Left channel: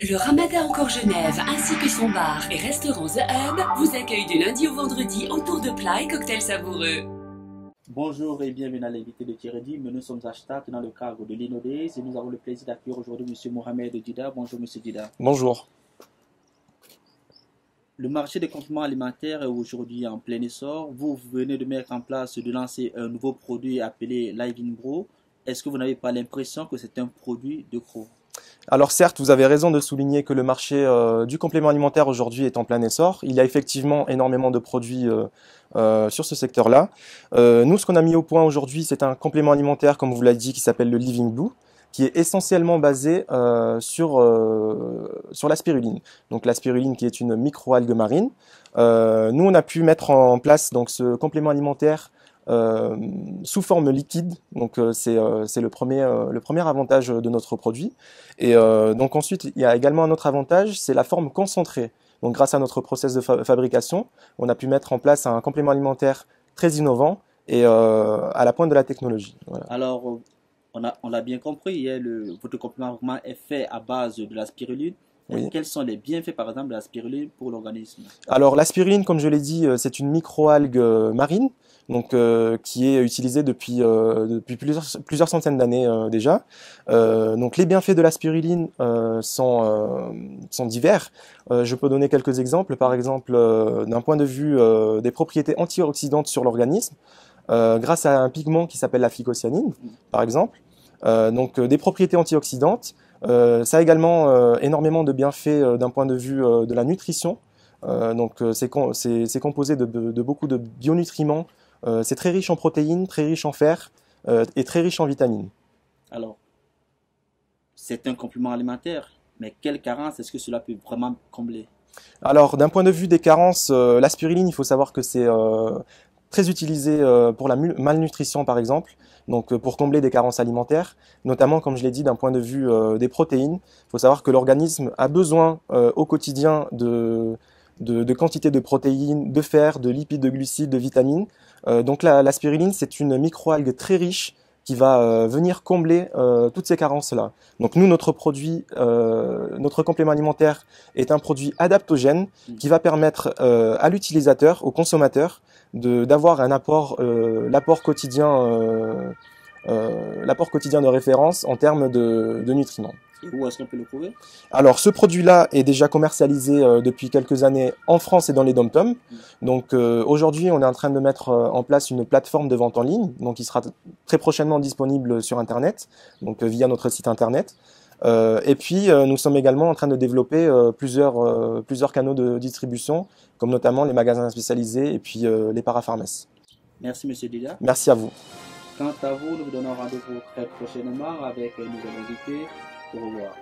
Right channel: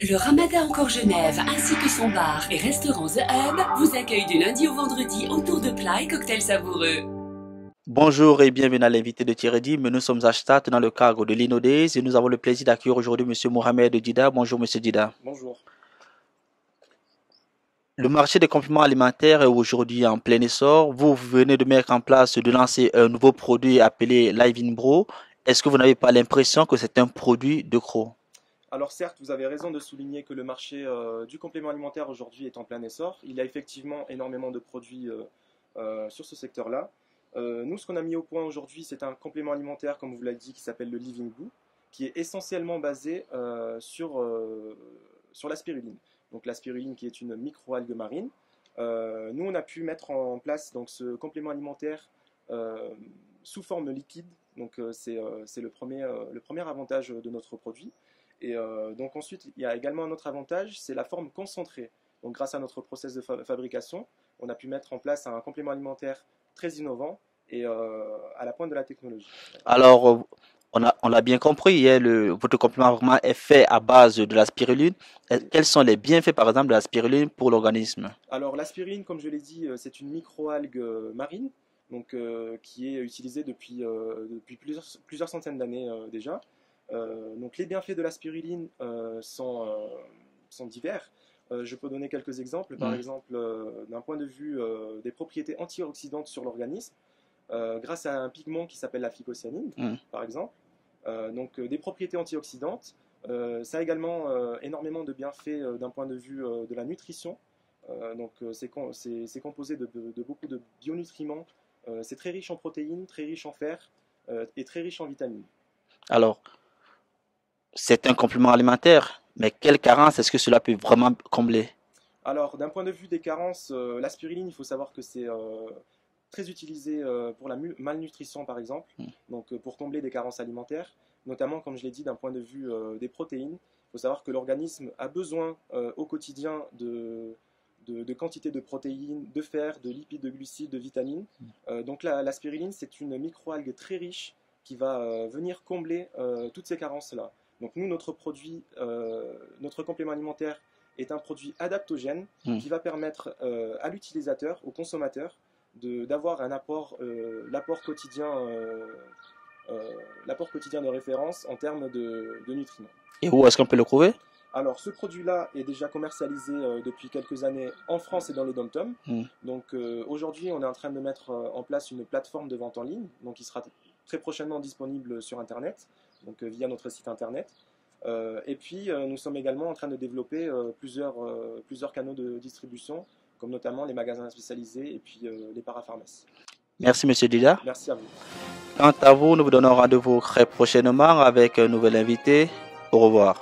Le Ramada Encore Genève ainsi que son bar et restaurant The Hub vous accueillent du lundi au vendredi autour de plats et cocktails savoureux. Bonjour et bienvenue à l'invité de Thierry. Nous sommes à Stade dans le cadre de l'Innodays et nous avons le plaisir d'accueillir aujourd'hui Monsieur Mohamed Dida. Bonjour Monsieur Dida. Bonjour. Le marché des compléments alimentaires est aujourd'hui en plein essor. Vous venez de mettre en place, de lancer un nouveau produit appelé Live in Bro. Est-ce que vous n'avez pas l'impression que c'est un produit de gros? Alors certes, vous avez raison de souligner que le marché du complément alimentaire aujourd'hui est en plein essor. Il y a effectivement énormément de produits sur ce secteur-là. Nous, ce qu'on a mis au point aujourd'hui, c'est un complément alimentaire, comme vous l'avez dit, qui s'appelle le Living Blue, qui est essentiellement basé sur la spiruline. Donc la spiruline qui est une microalgue marine. Nous, on a pu mettre en place donc, ce complément alimentaire sous forme liquide. Donc c'est le premier avantage de notre produit. Et donc ensuite, il y a également un autre avantage, c'est la forme concentrée. Donc grâce à notre process de fabrication, on a pu mettre en place un complément alimentaire très innovant et à la pointe de la technologie. Voilà. Alors, on l'a bien compris, hein, votre complément vraiment est fait à base de la spiruline. Oui. Quels sont les bienfaits, par exemple, de la spiruline pour l'organisme? Alors la spiruline, comme je l'ai dit, c'est une microalgue marine. Donc, qui est utilisée depuis plusieurs centaines d'années déjà. Donc les bienfaits de la spiruline sont divers. Je peux donner quelques exemples. Par exemple, d'un point de vue des propriétés antioxydantes sur l'organisme, grâce à un pigment qui s'appelle la phycocyanine, par exemple. Donc des propriétés antioxydantes. Ça a également énormément de bienfaits d'un point de vue de la nutrition. C'est composé de beaucoup de bionutriments. C'est très riche en protéines, très riche en fer et très riche en vitamines. Alors, c'est un complément alimentaire, mais quelle carence est-ce que cela peut vraiment combler? Alors, d'un point de vue des carences, la spiruline, il faut savoir que c'est très utilisé pour la malnutrition, par exemple, donc pour combler des carences alimentaires, notamment, comme je l'ai dit, d'un point de vue des protéines. Il faut savoir que l'organisme a besoin au quotidien de quantité de protéines, de fer, de lipides, de glucides, de vitamines. Donc la spiruline, c'est une microalgue très riche qui va venir combler toutes ces carences-là. Donc nous, notre produit, notre complément alimentaire est un produit adaptogène qui va permettre à l'utilisateur, au consommateur, d'avoir un apport, l'apport quotidien de référence en termes de nutriments. Et où est-ce qu'on peut le trouver? Alors, ce produit-là est déjà commercialisé depuis quelques années en France et dans les dom-toms. Donc, aujourd'hui, on est en train de mettre en place une plateforme de vente en ligne, donc qui sera très prochainement disponible sur Internet, donc via notre site Internet. Et puis, nous sommes également en train de développer plusieurs canaux de distribution, comme notamment les magasins spécialisés et puis les parapharmacies. Merci, Monsieur Dida. Merci à vous. Quant à vous, nous vous donnons rendez-vous très prochainement avec un nouvel invité. Au revoir.